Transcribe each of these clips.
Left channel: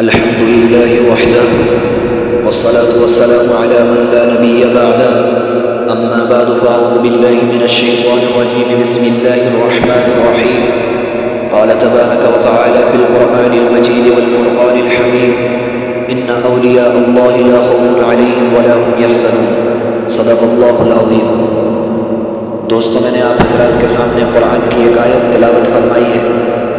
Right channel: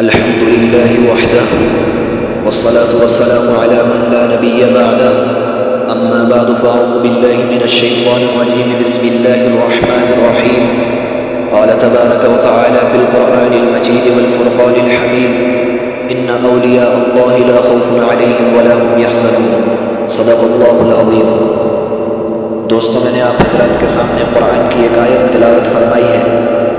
الحمد لله وحده والصلاة والسلام على من لا نبي بعده أما بعد فأعوذ بالله من الشيطان الرجيم بسم الله الرحمن الرحيم قال تبارك وتعالى في القرآن المجيد والفرقان الحميد إن أولياء الله لا خوف عليهم ولا هم يحزنون صدق الله العظيم۔ دوستو، میں نے آپ حضرات کے سامنے قرآن کی ایک آیت تلاوت فرمائی ہے۔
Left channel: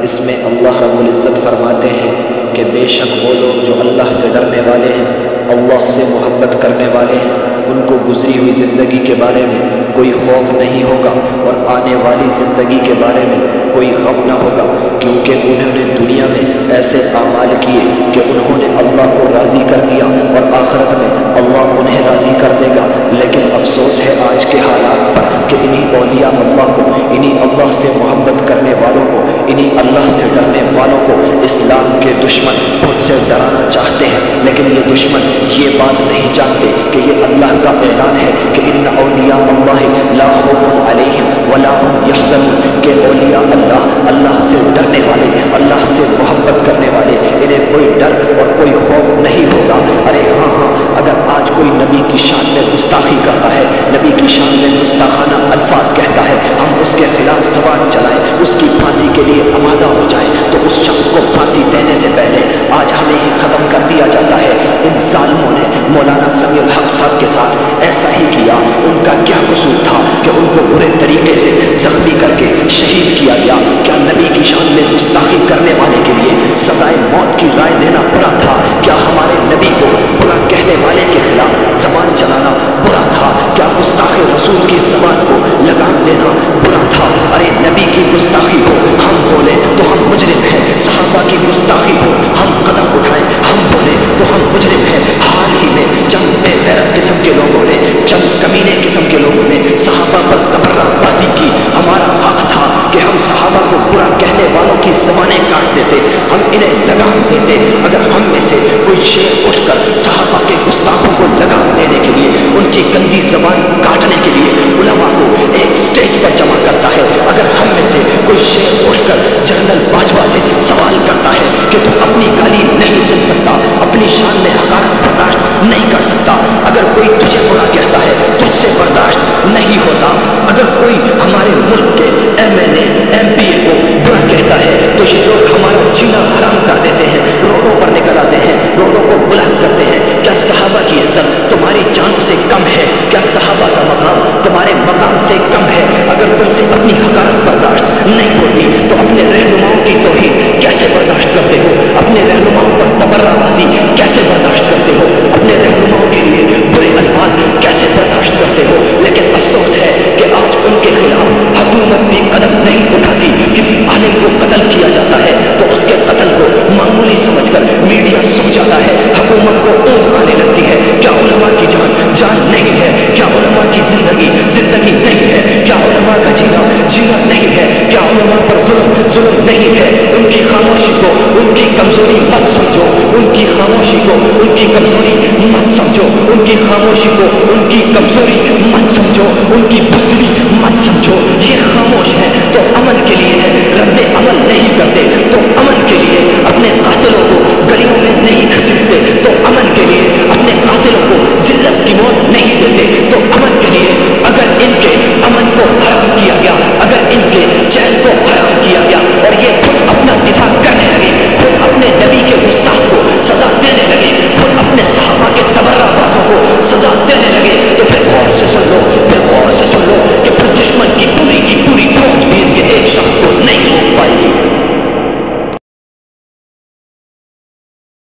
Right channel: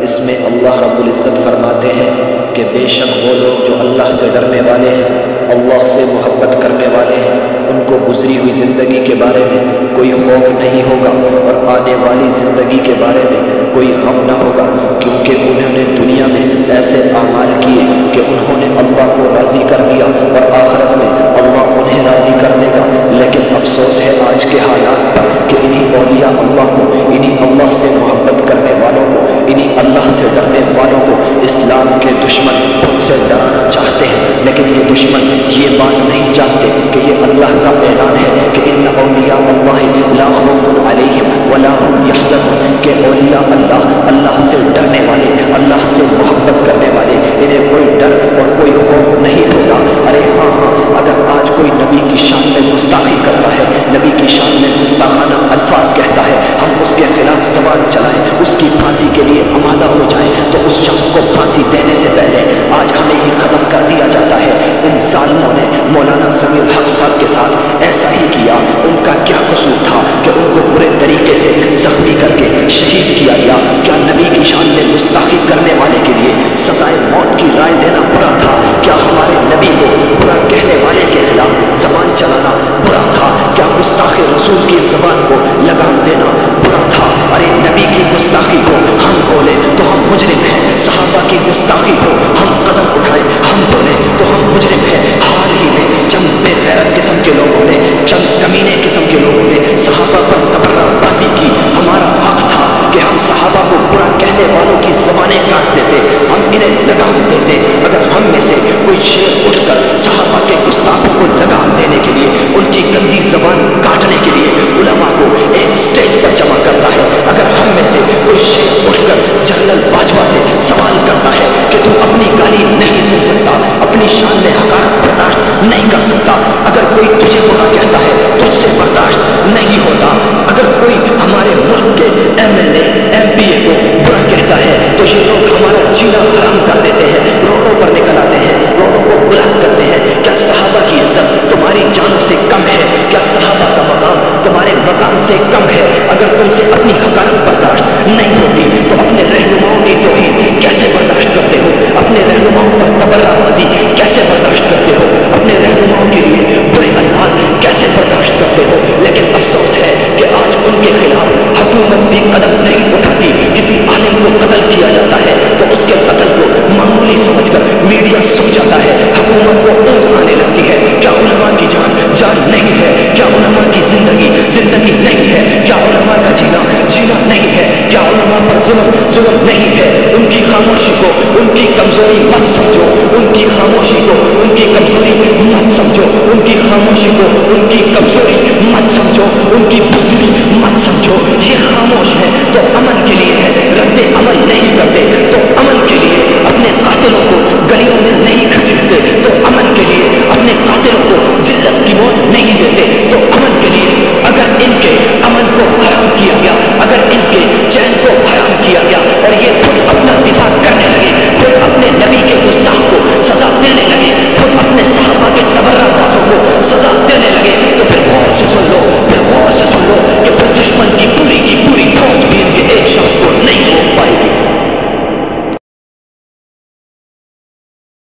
اس میں اللہ رب العزت فرماتے ہیں کہ بے شک وہ لوگ جو اللہ سے ڈرنے والے ہیں، اللہ سے محبت کرنے والے ہیں، ان کو گزری ہوئی زندگی کے بارے میں کوئی خوف نہیں ہوگا اور آنے والی زندگی کے بارے میں کوئی غم نہ ہوگا، کیونکہ انہوں نے دنیا میں ایسے اعمال کیے کہ انہوں نے اللہ کو راضی کر دیا اور آخرت میں اللہ انہیں راضی کر دے گا۔ لیکن افسوس ہے آج کے حالات پر کہ انہی اولیاء اللہ کو، انہی اللہ سے محبت کرنے والوں کو، انہی اللہ سے ڈرنے والوں کو اسلام کے دشمن خود سے ڈرانا چاہتے ہیں، لیکن یہ دشمن یہ بات نہیں جانتے کہ یہ اللہ کا اعلان ہے کہ ان اولیاء اللہ لا خوف علیہم ولا هم یحزنون، کہ اولیاء اللہ سے ڈرنے والے، اللہ سے محبت کرنے والے، انہیں کوئی ڈر اور کوئی خوف نہیں ہوگا۔ ارے ہاں، اگر آج کوئی نبی کی شان میں گستاخی کرتا ہے، نبی کی شان میں گستاخانہ الفاظ کہتا ہے، ہم اس کے خلاف زبان چلائیں، اس کی پھانسی کے لیے آمادہ ہو جائیں، تو اس شخص کو پھانسی دینے سے پہلے آج ہمیں ہی ختم کر دیا جاتا ہے۔ ان ظالموں نے مولانا سمیع الحق صاحب کے ساتھ ایسا ہی کیا۔ ان کا کیا قصور تھا کہ ان کو برے طریقے سے زخمی کر کے شہید کیا گیا؟ کیا نبی کی شان میں گستاخی کرنے والے کے لیے سزائے موت کی رائے دینا برا تھا؟ کیا ہمارے نبی کو برا کہنے والے کے خلاف زبان چلانا برا تھا؟ کیا گستاخ رسول کی زبان کو لگام دینا برا تھا؟ ارے نبی کی گستاخی ہو ہم بولے تو ہم مجرم ہیں، صحابہ کی گستاخی ہو ہم قدم اٹھائیں ہم بولے تو ہم مجرم ہیں۔ حال ہی میں چند بے غیرت قسم کے لوگوں نے، چند کمینے قسم کے لوگوں نے صحابہ پر تبرہ بازی کی۔ ہمارا حق تھا کہ ہم صحابہ کو برا کہنے والوں کی زبانیں کاٹ دیتے، ہم انہیں لگام دیتے۔ اگر ہم میں سے کوئی شیر اٹھ کر صحابہ کے گستاخوں کو لگام دینے کے لیے، ان کی گندی زبان کاٹنے کے لیے علماء کو ایک سٹیج پر جمع کرتا ہے، اگر ہم میں سے کوئی شیر اٹھ کر جنرل باجوہ سے سوال کرتا ہے کہ تو اپنی گالی نہیں سن سکتا، اپنی شان میں حقارت برداشت نہیں کر سکتا، اگر کوئی تجھے برا کہتا ہے تجھ سے برداشت نہیں ہوتا، اگر کوئی ہمارے ملک کے MLA کو برا کہتا ہے تو یہ لوگ ہمارا جینا حرام کر دیتے ہیں، روڈوں پر نکل آتے ہیں، روڈوں کو بلاک کرتے ہیں۔ کیا صحابہ کی عزت تمہاری جانوں سے کم ہے؟ کیا صحابہ کا مقام تمہارے مقام سے کم ہے؟ اگر تم سے اپنی حقارت برداشت نہیں ہوتی تو اپنے رہنماؤں کی توہین کیسے برداشت کرتے ہو؟ اپنے رہنماؤں پر تبرہ بازی کیسے برداشت کرتے ہو؟ اپنے رہنماؤں کے لیے برے الفاظ کیسے برداشت کرتے ہو؟ لیکن افسوس ہے کہ آج ان کے خلاف حکومت بھی قدم نہیں اٹھاتی۔ کسی عالم کو قتل کیا جاتا ہے تو اس کے قتل کو معمولی سمجھ کر میڈیا سو جاتا ہے، حکومت کو اونگ آنے لگتی ہے۔ کیا علماء کی جان نہیں ہے؟ کیا علماء کی زندگی نہیں ہے؟ کیا علماء کا جینا نہیں ہے؟ کیا علماء پر ظلم نہیں ہے؟ ان کی خاموشی کو ان کی کمزوری مت سمجھو، ان کی خاموشی کو ان کی کمزوری مت سمجھو، ان کی خاموشی کو ان کی کمزوری مت سمجھو، ان کی بزدلی مت سمجھو۔ یہ خاموش ہے تو امن کے لیے ہے، رد عمل نہیں کرتے تو امن کے لیے، اپنے قاتلوں کو گلیوں میں نہیں گھسیٹتے تو امن کے لیے، اپنے قاتلوں کو ذلت کی موت نہیں دیتے تو امن کے لیے۔ اگر ان کے امن کو حرام کیا گیا، اگر ان کے چین کو حرام کیا گیا اور یہ خود اپنا دفاع کرنے لگے، خود اپنے نبی کے گستاخ کو سزا دینے لگے، خود اپنے صحابہ کے تبرہ بازوں کو سزا دینے لگے، تو پھر غور سے سن لو